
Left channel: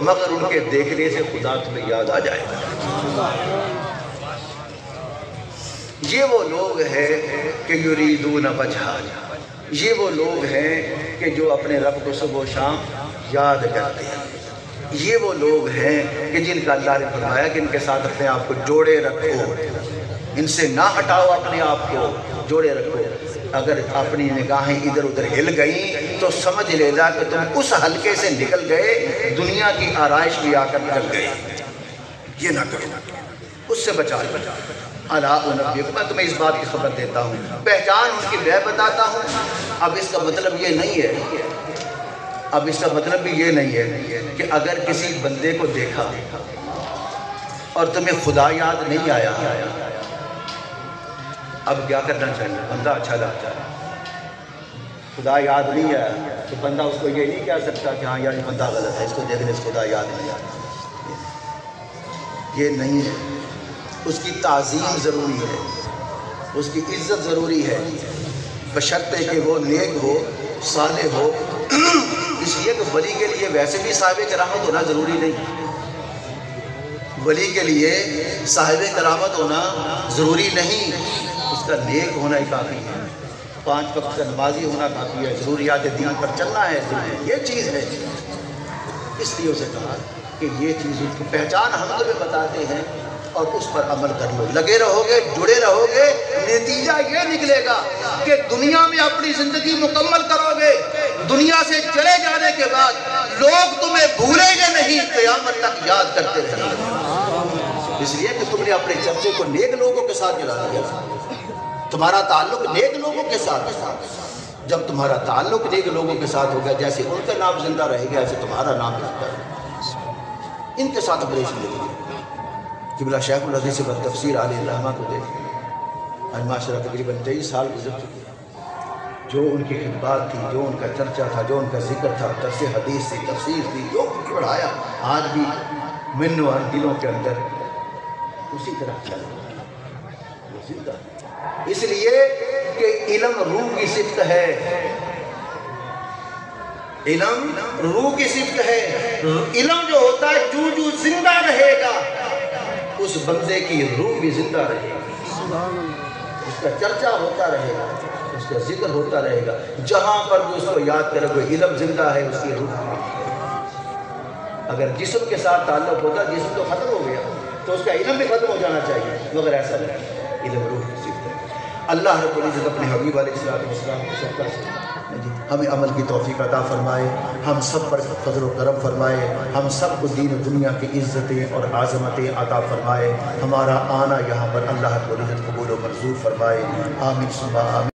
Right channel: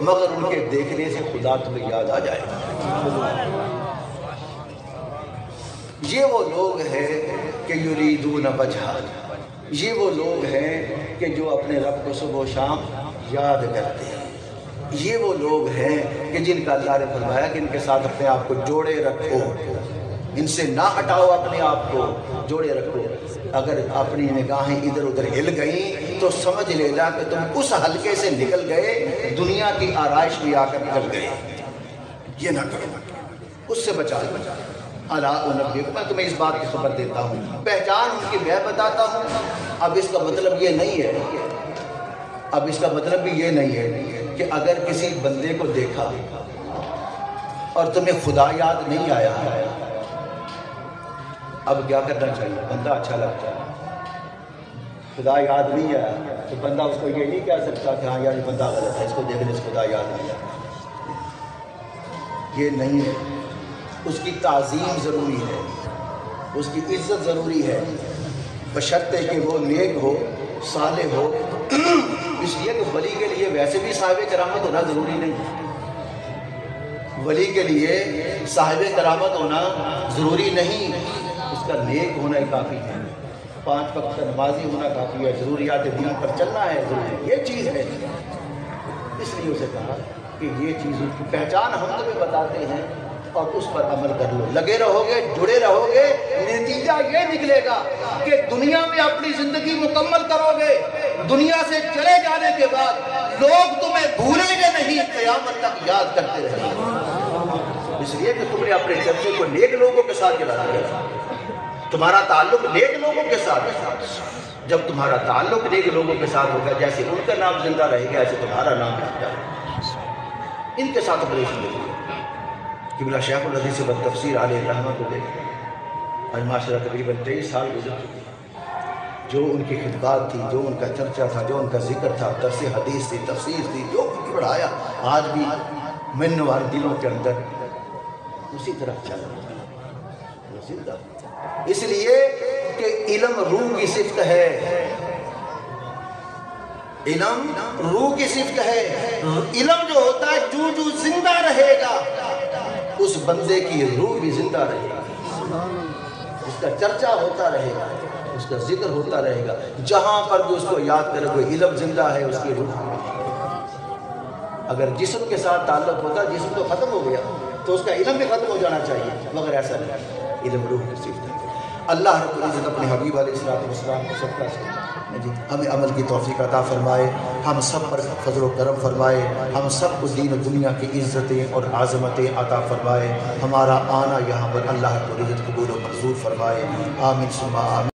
مگر ان کے دیکھنے سے خدا تمہیں یاد آ جائے گا۔ یہ وہ لوگ ہیں کہ یریدون وجہہ، یہ وہ لوگ ہیں کہ جو اپنے رب کو صبح و شام یاد کرتے ہیں، یہ وہ لوگ ہیں کہ جن کا اللہ نے فرمایا کہ ان کے ساتھ اپنے آپ کو جوڑے رکھو، ان سے نہ ہٹاؤ، اپنے آپ کو جوڑے رکھو۔ اگر اپنی نگاہیں ادھر ادھر ہل گئیں تو سمجھ لینا کہ تم اس حلقے سے نکل گئے، دنیا کی آرائش بھی آ کر نکل گئے۔ یہ نہ کرو، اس سے بچا لو۔ الا انبئکم، میں تمہیں اس بات کی خبر دیتا ہوں، پہچان ان کی میں بتاتا ہوں۔ اب اس کا مطلب یہ نہیں ہے، اب اس کا مطلب بھی یہ نہیں ہے کہ اگر کسی بندے کو دیکھا اور تمہیں خدا یاد نہیں آیا، اب کیا کرنا چاہیے؟ بندہ اچھا لگتا ہے، خدا یاد نہیں آیا تو بندہ اس کو یہ نہیں کہہ سکتا کہ ہاں یار یہ بندہ غلط ہے، اس کو دیکھنے سے خدا یاد نہیں آیا۔ یہ نہیں ہے، اس کی تعظیم ضروری ہے، اس کی عزت ضروری ہے، بشرطے کہ وہ نیک ہو، صالح ہو۔ اس لیے کہ ولی کے لیے ویسے بھی صاحب کرامت ہونا ضروری نہیں، ولی کے لیے صاحب کرامت ہونا ضروری نہیں، اس کا نیک ہونا ہی کافی ہے۔ 5 وقت کا نمازی ہونا کافی ہے، ضروریات دین پر چلنا ہے ضروری، یہ چیز ہے۔ اس لیے اسے کہا کہ یہ چیز اس کی پہچان ہم تمہیں بتاتے ہیں اور اس پر عمل کر لو، لگے رہو گے، جڑے رہو گے، نتیجہ یہ نکلے گا کہ دنیا میں اپنی زندگی مکمل کرو گے، دنیا سے چلے جانے کے بعد لوگ تمہیں بھولیں گے نہیں، قیامت تک یاد کرتے رہیں گے، اس لیے کہ تم نے اپنے چرچے کو نیک لوگوں کے ساتھ چلا دیا، تمہارا تعلق نیک لوگوں کے ساتھ ہے۔ جب تمہارا تعلق نیک لوگوں کے ساتھ ہوگا، جیسے ان کا نام زندہ رہے گا ایسے تمہارا نام بھی زندہ رہے گا۔ ان کے ساتھ آپریشن دیکھیے، قبلہ شیخ الحدیث سے تفسیر علیہ الرحمہ کو دیکھیں، آج معاشرہ تقریباً 23 سال گزر چکے، جو ان کی خطبات تھی، جو ان کا چرچا تھا، جو ان کا ذکر تھا، درس حدیث تھی، تفسیر تھی، جو کی بڑھایا، آج بھی من و دلوں کے اندر اسی طرح چل رہا ہے، وہ زندہ۔ اس لیے کہ علم روح کی صفت ہے، علم روح کی صفت ہے، علم جو ہوتا ہے جو زندہ رہے گا اس بندے کی روح بھی زندہ رہے گی، اس کا چرچا ہوتا رہے گا، اس کا ذکر ہوتا رہے گا، جہاں پر بھی اس کو یاد کرے گا، علم زندہ ہے، اس کی روح۔ اگر جسم کے ساتھ تعلق ہوتا، جسم تو ختم ہو گیا تو اس کا علم بھی ختم ہو جانا چاہیے، مگر ایسا نہیں، علم روح کی صفت ہے۔ اللہ رب العزت اپنے حبیب علیہ السلام کو صدقہ سے ہمیں عمل کی توفیق عطا فرمائے، ہم سب پر فضل و کرم فرمائے، ہم سب کو دین و دنیا کی عزتیں اور عظمتیں عطا فرمائے، ہمارا آنا یہاں پر اللہ رب العزت قبول و منظور فرمائے، آمین ثم آمین۔